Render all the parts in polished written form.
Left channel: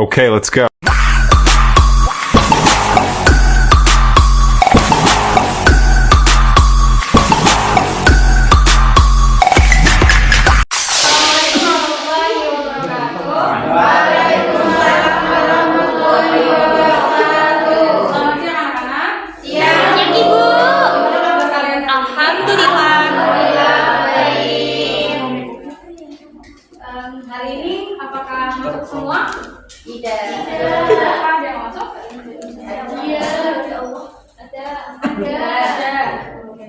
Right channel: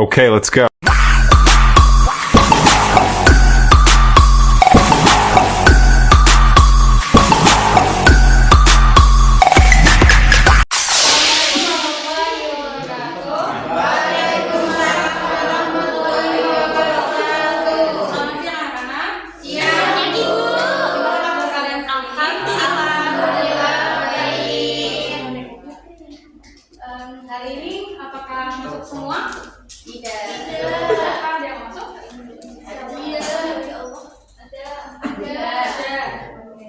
Okay, let's go. Hari ini apakah masuk semua? Tidak. Apakah ada yang masuk? Iya. Ada.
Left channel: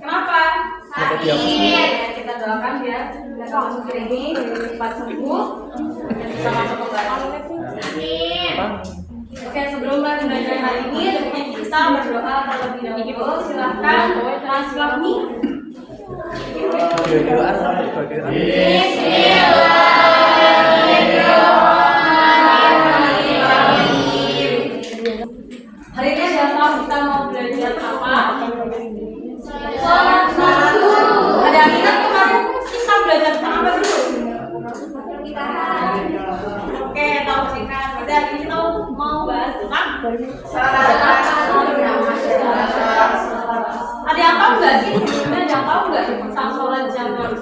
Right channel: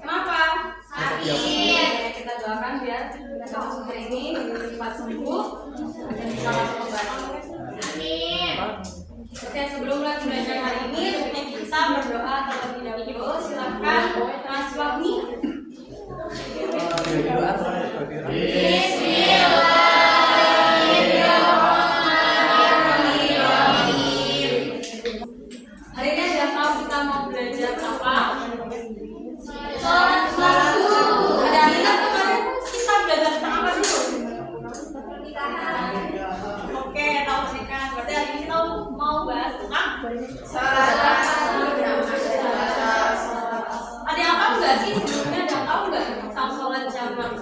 Kenapa? Sakit. Kita doakan ya. Mereka masuk hari ini cepat sembuh dan bisa masuk ke belakang. Amin. Oke, sebelum belajar hari ini, kita berdoa terlebih dahulu. Silakan Mas Fahmi. Hari ini kita mau belajar apa? Sholat subuh. Ada yang ingat kemarin kita belajar tentang apa dulu? Oke, tahu singkat. Pada hari ini kita mau bahas tentang sholat. Ada yang tahu nggak sih? Sebelumnya ada yang tahu nggak tentang sholat jamaah?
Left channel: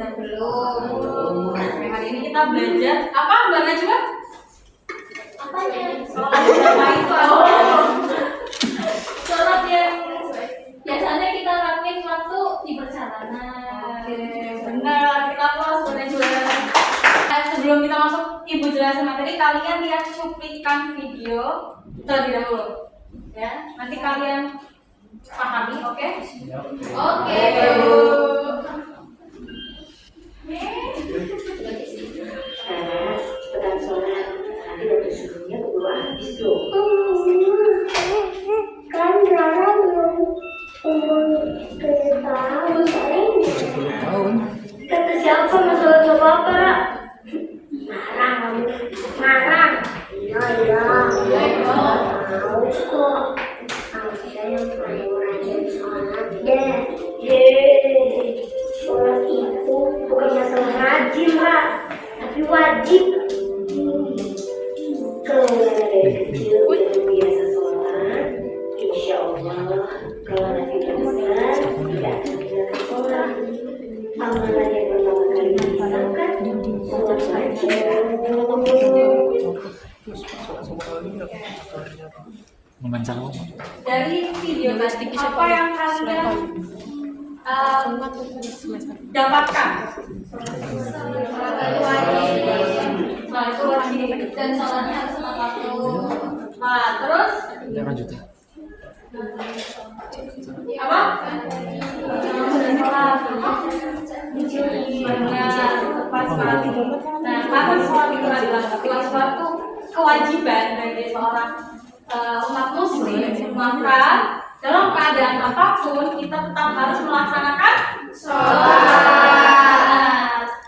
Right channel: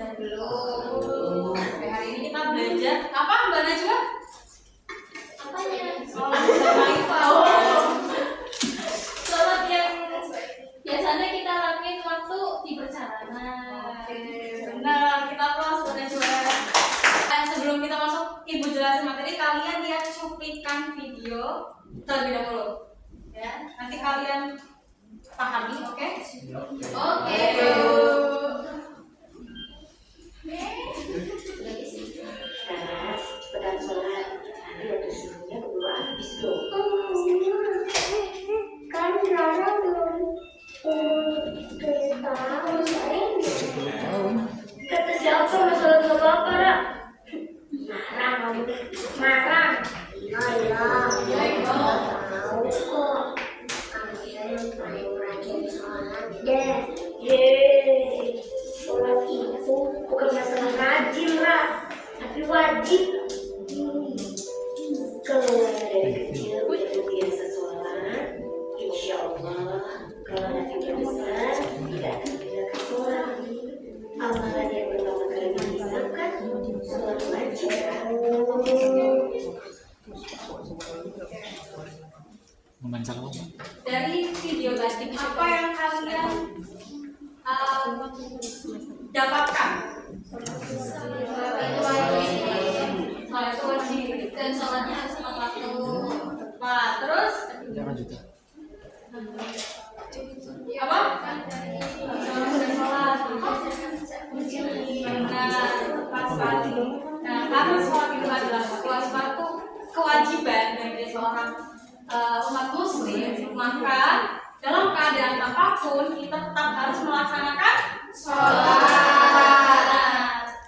Belum. Hari ini kita belajar apa? Mbak Najwa? Sholat jamaah itu sholat yang biasanya kita lakuin waktu di perjalanan. Oke, benar. Kita kelas juga. Sebelum kita masuk ibu jelasin materi, kalian lihat cuplikan video terlebih dahulu. Ya, nanti kalian pahami, oke? Oke. Cepetan sholat, nanti waktu subuhnya keburu habis tuh. Kan Rara belum umur 10 tahun. Kata siapa masalah sama apa, Ra? Marah. Iya. Tahu kok. Saya yang paling rajin sholat deh. Sholat itu bukan masalah rajin, Ra, tapi wajib. Kalau dari kecil udah biasa sholat, insya Allah kalau nanti udah besar tidak akan meninggalkan sholat. Amalan yang pertama kali dipisahkan sholat wajib. Dari video tadi apa yang kalian dapatkan? Nah, itu wajib dan sholatnya harus tepat waktu. Nah, terus apa? Benar, tepat sekali. Nah, karena sholat itu adalah suatu kewajiban bagi seorang umat muslim, maka dalam keadaan apapun kita tetap harus melaksanakan sholat.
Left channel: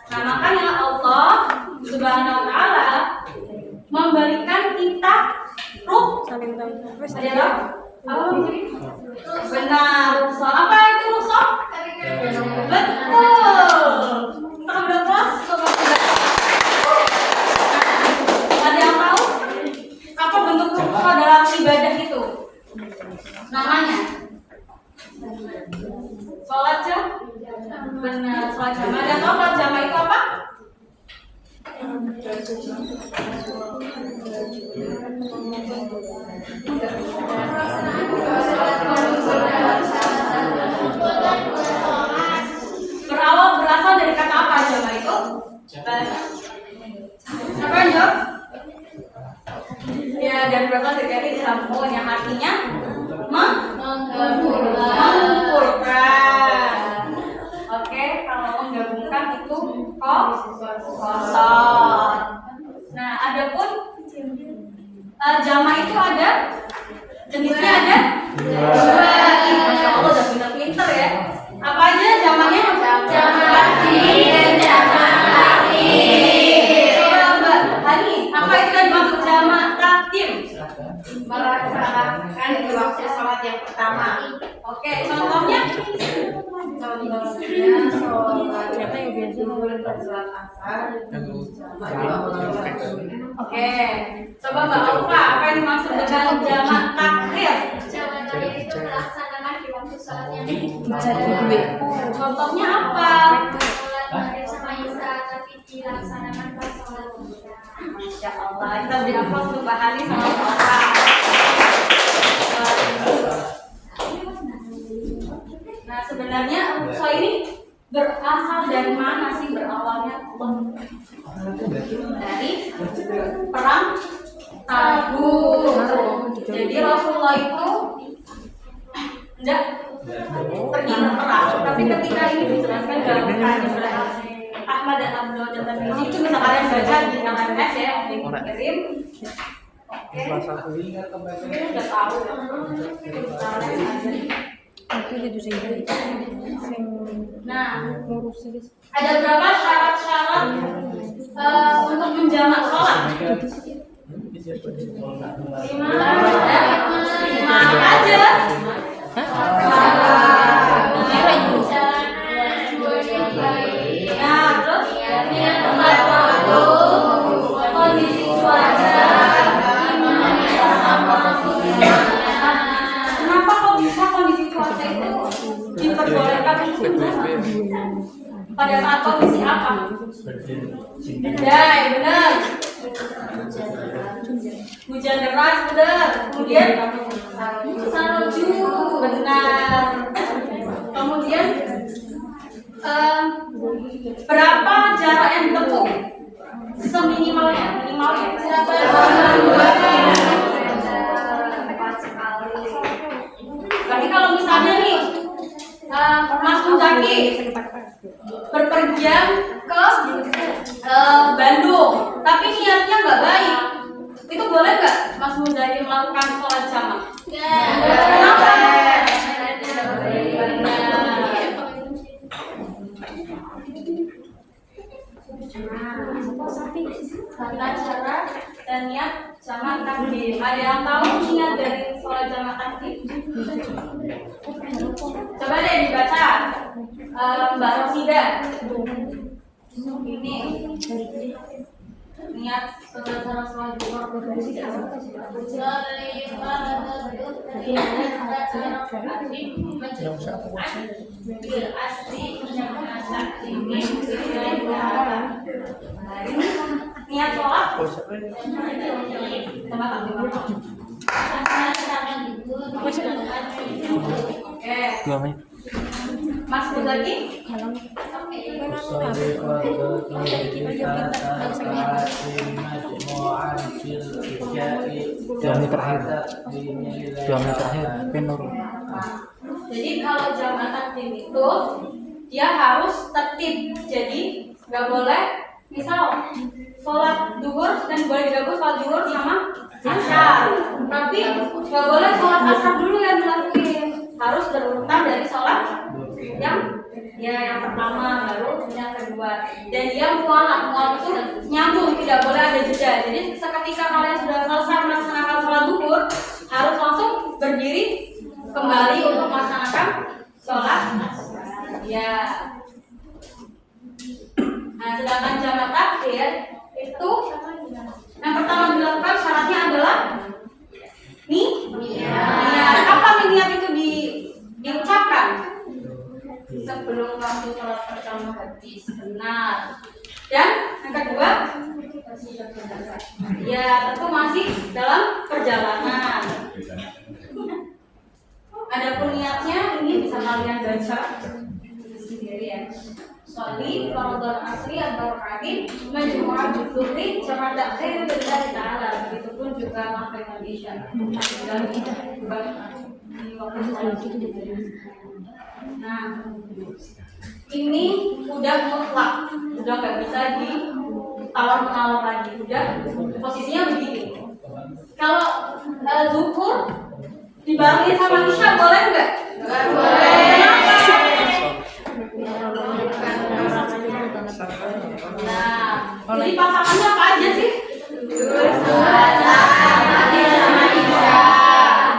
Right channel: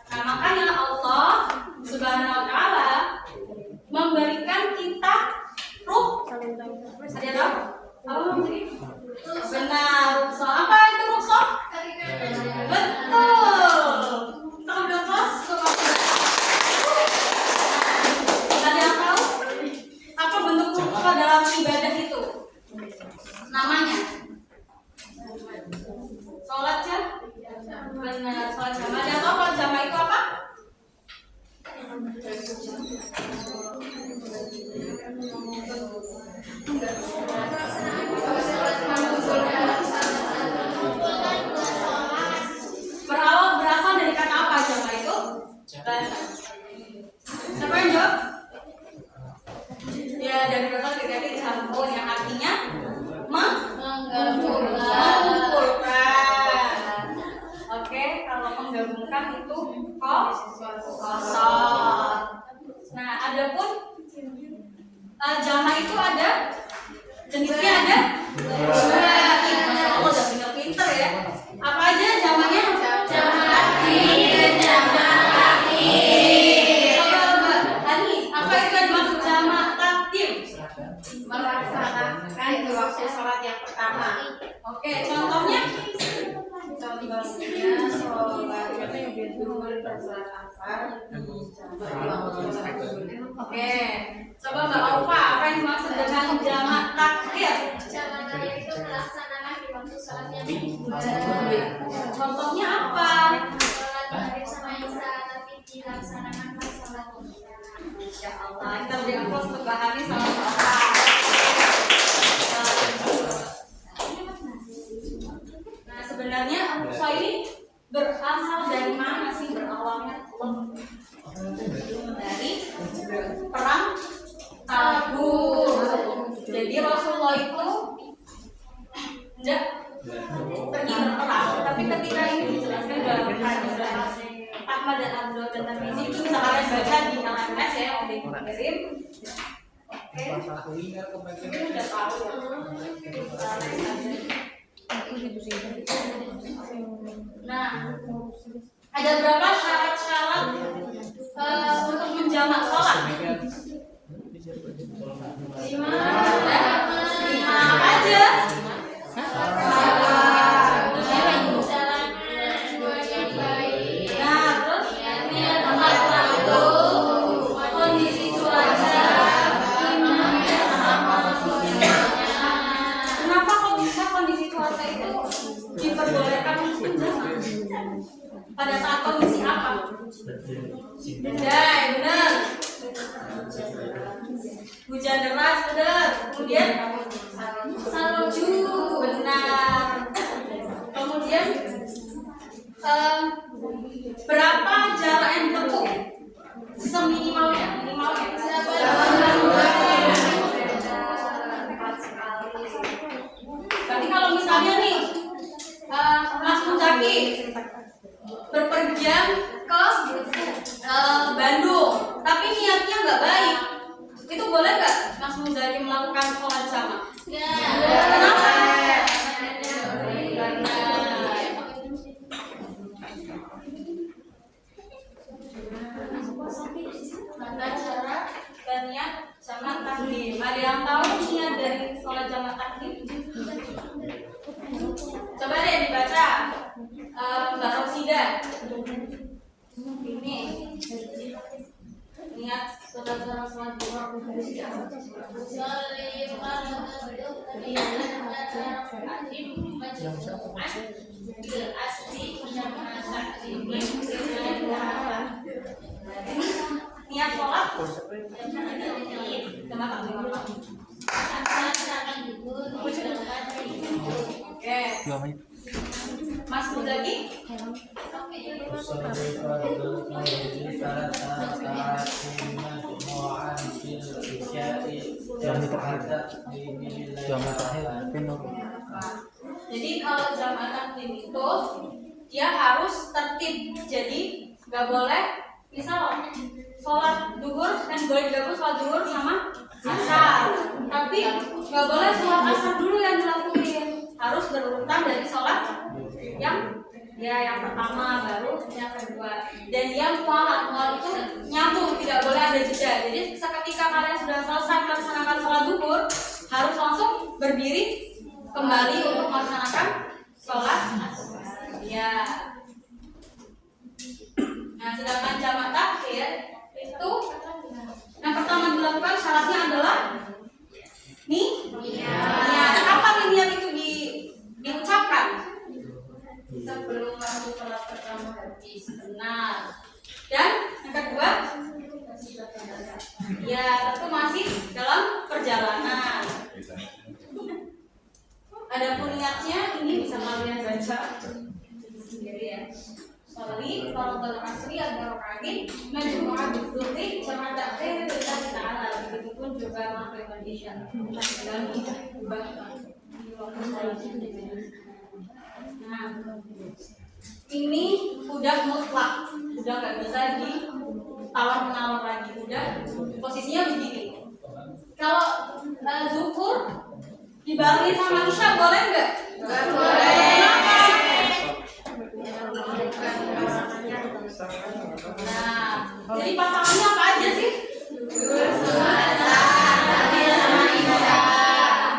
Nah, makanya Allah Subhanahu wa Ta'ala memberikan kita ruh. Ada apa? Apa maksudnya? Benar, sholat. Apa itu ruh sholat? Betul. Kita udah kelas. Ada yang tahu apa bentuk ruh dalam ibadah itu? Namanya sholat jamaah. Benar, sholat jamaah. Dan tahu kalau jamaah itu apa? Berasal dari kata apa jamaah itu? Siapa yang jawab? Ya, dari berasal dari jamu yang artinya mengumpulkan. Oke, kalau menggabungkan itu kosong. Nah, adapun jamaah itu ada jenisnya ada dua. Masya Allah, udah pinter-pinter ya. Apa aja jamaahnya? Jamaah laki dan jamaah laki. Coba Mbak Hani, apa itu yang dimaksud jamaah takdim? Melaksanakan waktu sholat yang pertama. Oke, contohnya? Contohnya sholat zuhur dan sholat asar. Oke, coba Mbak Alfa, apa yang dimaksud dengan jamak takhir? Jamak takhir itu melaksanakan di waktu sholatnya. Contohnya apa? Sholat maghrib sama isya tapi dilaksanakan pas sholat isya. Masya Allah, kita beri aplaus untuk Mbak Hani sama Mbak Alfa. Nah, sebenarnya Al-Aqsa ini berasal dari mana sih, berawalnya? Dari perang Tabuk. Jadi Rasulullah itu tidak pergi berperang, tapi ketika ini dijelaskan dalam hadis Ahmad dan Abu Dawud dan Tirmidzi, itu bisa kalian baca di LMS ya, di kirim. Oke, mungkin udah tahu ya. Nah, ada berapa syarat-syarat untuk menjamak sholat? 5 aja. Nah, terus tempat waktu, kondisi cuaca. Kenapa kok bisa kondisi cuaca itu diperbolehkan untuk menjamak? Pada saat kondisi apa? Ya, benar. Hujan deras, benar. Kemudian salju, benar. Kemudian berapa jarak yang ditempuh? Seminimalnya, minimalnya. Berarti kalau misalnya nih Mas Muzaki berpergian ke Bandung, tapi niatnya nggak baik, itu boleh nggak Mas Muzaki melakukan sholat jamak? Kenapa? Tata cara dan niat jamak takdim. Ada yang tahu niat dari sholat jamak takdim? Coba deh dibaca, Mbak Rosida. Ini niat tata cara sholat jamak. Niat sholat sama takdim. Oke. Mas Muzaki. Jadi kalau jamak takdim itu dia harus tertib. Jadi nggak boleh misal sholat duhur dan boleh digabung sholat duhur sama asar. Tapi nggak boleh sholat asar dulu yang dilakuin. Harus berurutan dari sholat yang pertama baru yang kedua. Dan dia mual itu nyambung, tidak boleh ada jeda. Jadi seketika kalian sudah selesai melaksanakan sholat duhur, harus langsung berdiri kembali untuk melaksanakan sholat ya. Nah, sedangkan jamak takhir itu yang pertama dilakukan syaratnya adalah niat. Kapan niat itu diucapkan? Sebelum waktu sholat pertama habis, benar. Dan yang kedua, ya tentu masih dalam perjalanan. Adapun niatnya ini bisa kalian baca sendiri ya. Sholli fardhal asri al-barakati majmu'ah bi-dhuhri jamak takhir billahi ta'ala. Begitupun juga maghrib isya. Nah, ini udah mutlak, udah nggak bisa ditawar-menawar lagi, udah posisinya begini. Kalau zuhur dibarengi sama isya boleh nggak? Nggak boleh. Nah, jadi pasangannya apa aja sih?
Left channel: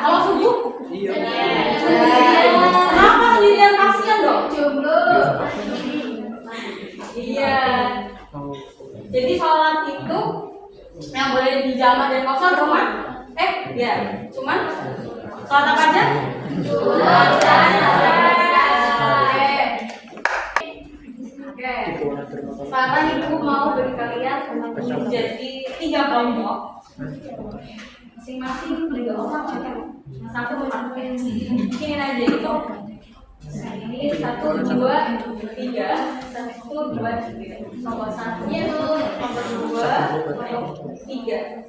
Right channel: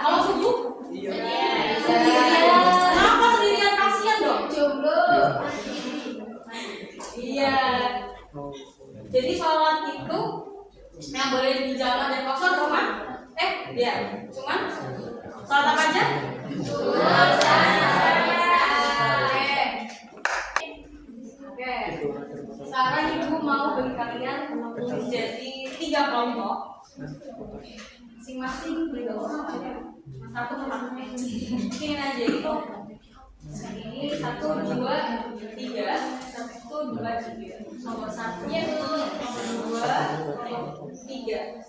Kalau subuh? Kenapa sendirian, kasihan dong? Iya. Jadi sholat itu Yang boleh dijamak dan kosong cuma cuma sholat apa aja? Oke. Sekarang ibu mau beri kalian menjadi 3 kelompok. Masing-masing 3 orang. Satu mungkin aja itu. Ini 1, 2, 3, 1, 2, 3. Nomor 1-nya itu nomor 2, nomor 3.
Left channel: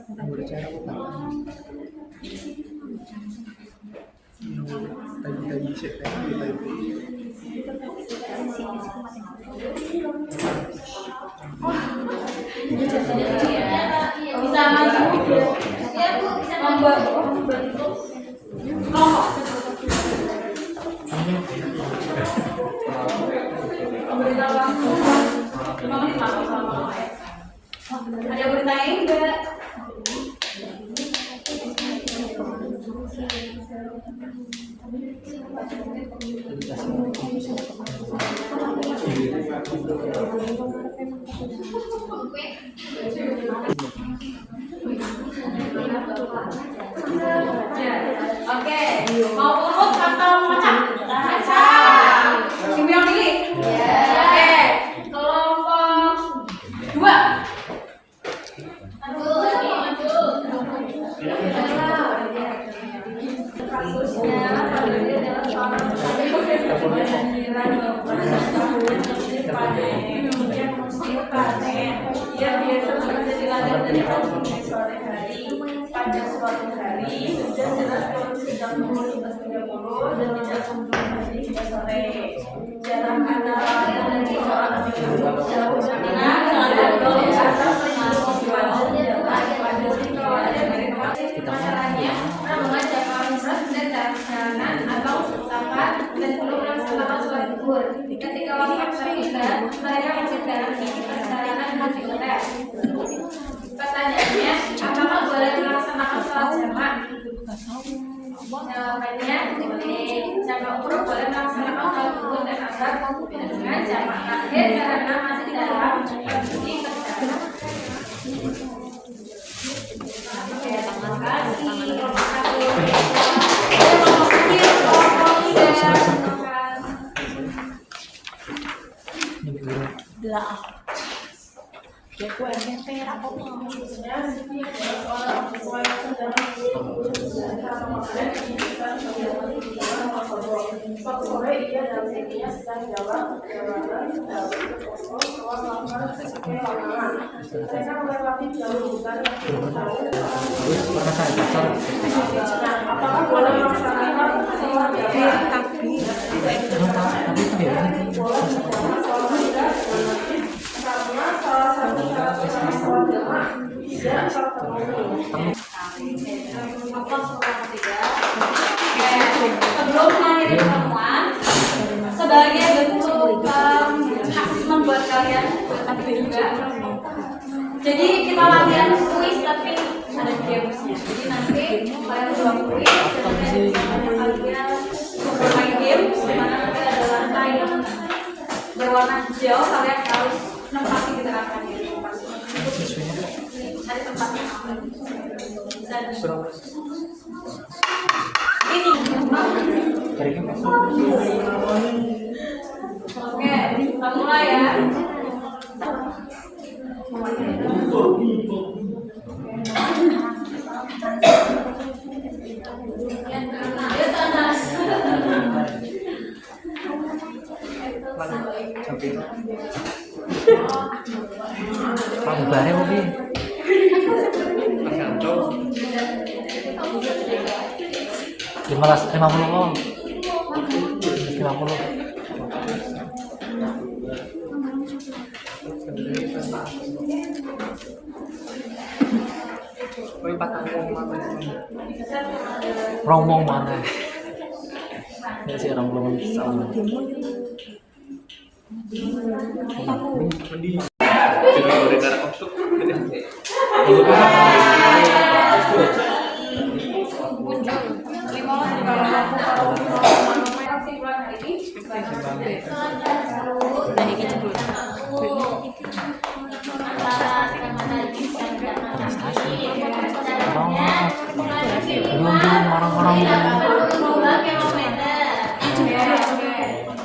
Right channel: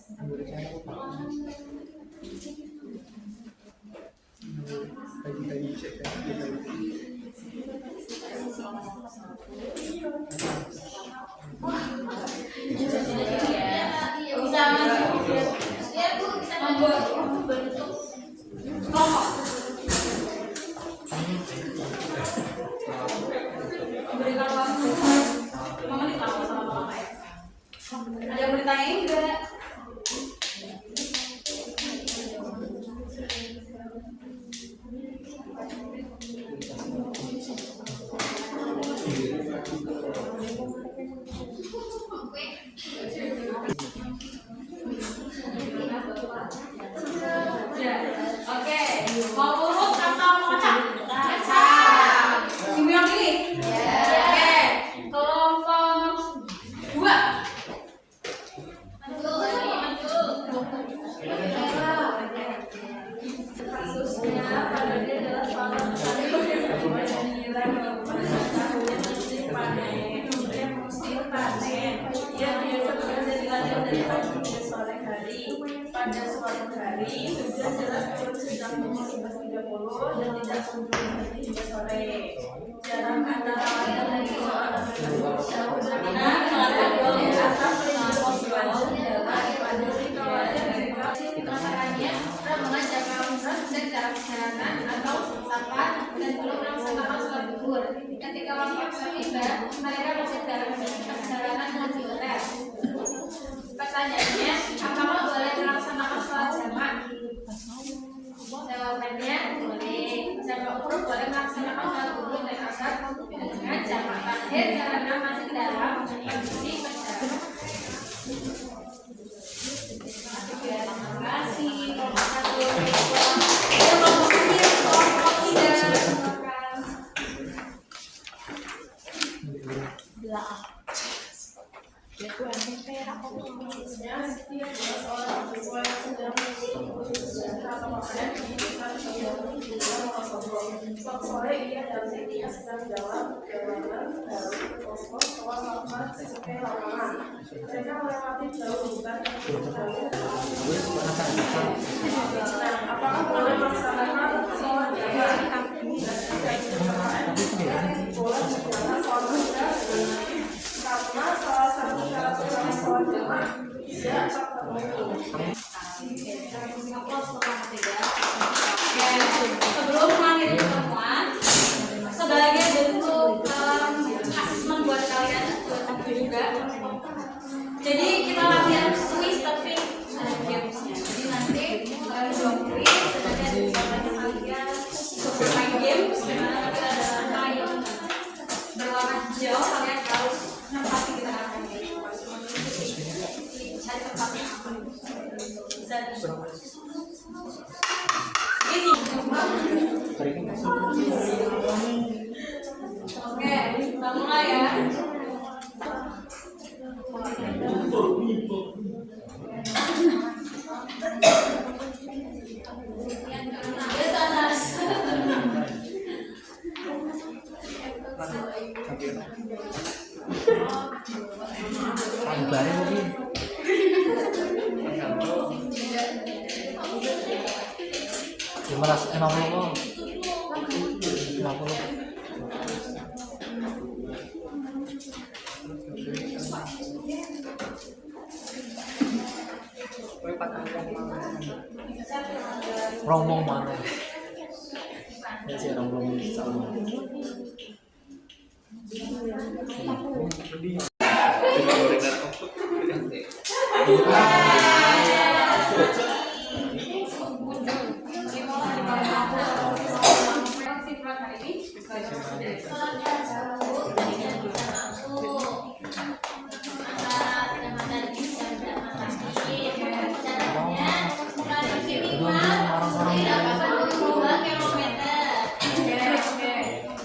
Bisa maju. Ya Bu, bisa membuat bentuk kelompok. Memberikan waktu 5 menit langsung sama mama ya. Ada yang bertanya enggak? Oke, mau urut atau macam? Ibu yang pilih? Oke, kelompok 2. Pada suatu hari hujan deras turun sejak pukul 11.30 dan tidak sampai hingga sore. Jarak antara dan sholat jauh caranya membaca al-Qur'an dan jalan atau sapat dan belum melaksanakan sholat zuhur. Ketika waktu tiba, mereka menceritakan perjalanan haji hotel. Pertanyaannya, apakah boleh melaksanakan sholat jamak? Jawabannya boleh. Jamak urut boleh melaksanakan sholat zuhur dan asar dengan jamak akhir karena masih dalam kondisi perjalanan. Oke, terima kasih. Sore ia dan istrinya sedang jalan perjalanan dari Poso ke melakukan pelanangan. Mereka melewati jalur bukan yang jauh. Apakah boleh melaksanakan sholat jamak? Karena salah satu syarat sholat jamak tidak terpenuhi. Sebelum mengakhiri pertemuan, sebagai bentuk asesmen buat kalian juga. Jadi kita latihan kuis tapi ada gamesnya. Jadi nanti kalian buat kuis, kemudian kalian bermain game, dimana nanti ada lantai yang berwarna hijau, kalian harus menempati di tengah-tengahnya. Cari tempatnya apa? Bisa. Ini. Oke, kita mulai ya. Bubarnya mobil. 50 kok. 50. Rombong mana? Ini sih rombong sama.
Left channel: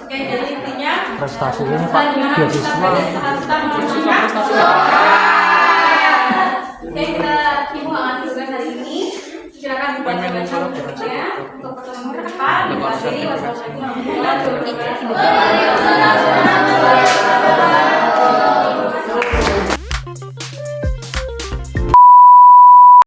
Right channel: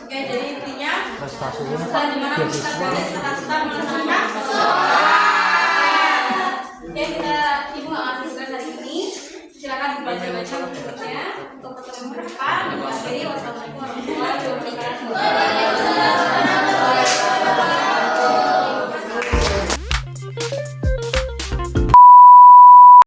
Oke, jadi intinya Prestasinya Pak gimana kita beasiswa. belajar setelah kita melanjutkan. Oke, kita ibu nggak ngasih tugas hari ini. Silakan dibaca-baca bukunya untuk pertemuan ke depan. Terima kasih. Wassalamualaikum warahmatullahi wabarakatuh.